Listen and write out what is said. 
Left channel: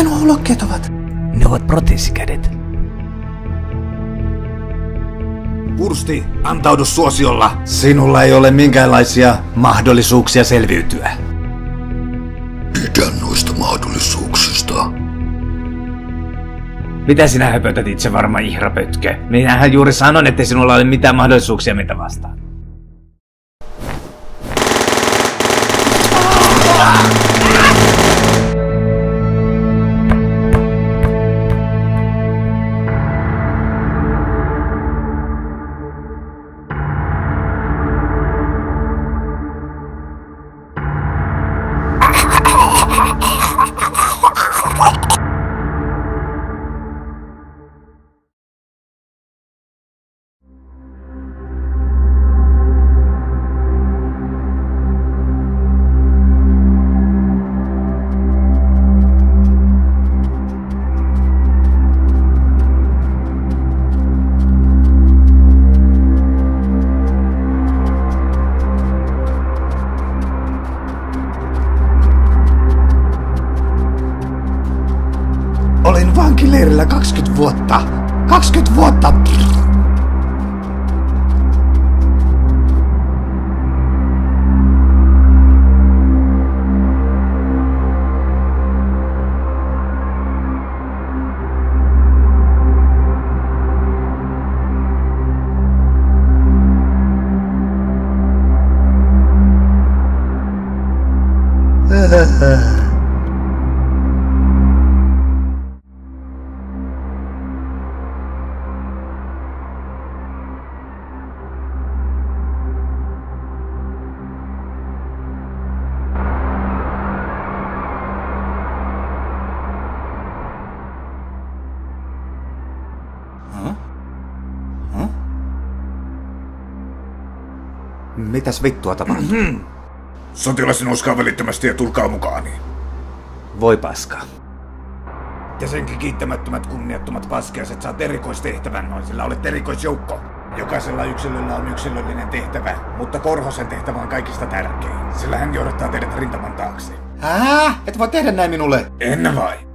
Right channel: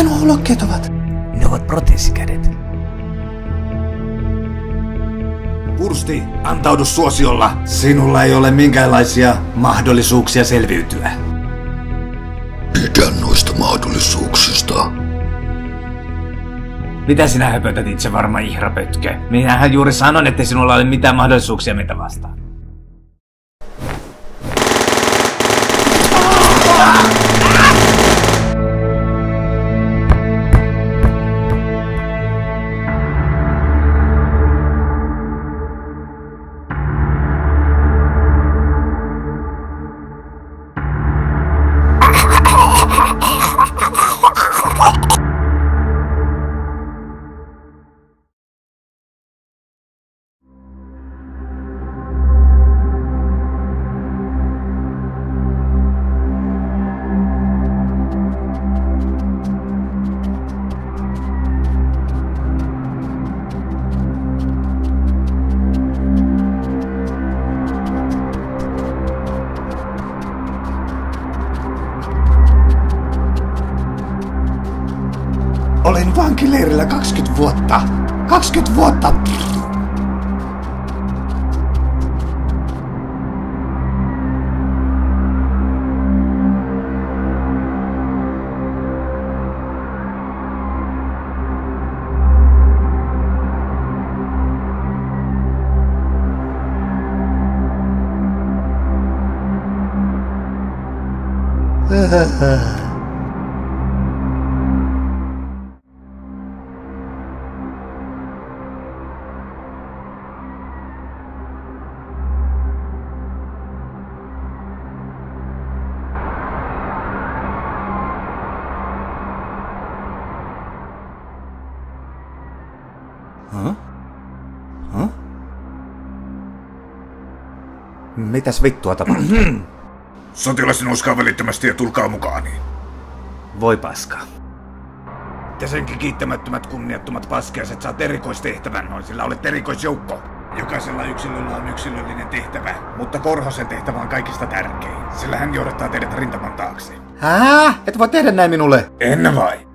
Mitä nuo ulokkeet ovat? Ne ovat proteesikädet. Pursti, antaudu suosiolla. Sinulla ei ole minkäänlaisia mahdollisuuksia selviytyä. Pidä noista mahdollisuuksista. Mitä sinä höpötät itse varma ihrapötkö? Minähän juuri sanon, ettei sinulla ole mitään mahdollisuuksia meitä vastaan. Olin vankileirillä 20 vuotta. 20 vuotta! Mitäs vittua tapahtuu? Sotilas nouskaa välittömästi ja tulkaa mukaani. Voi paska. Te senkin kiittämättömät kunniattomat paskiaiset saat erikoistehtävän, noin sillä olet erikoisjoukko. Jokaisella yksilöllä on yksilöllinen tehtävä, mutta Korhosen tehtävä on kaikista tärkein, sillä hän johdattaa teidät rintaman taakse. Et voi tehdä näin minulle. En vai?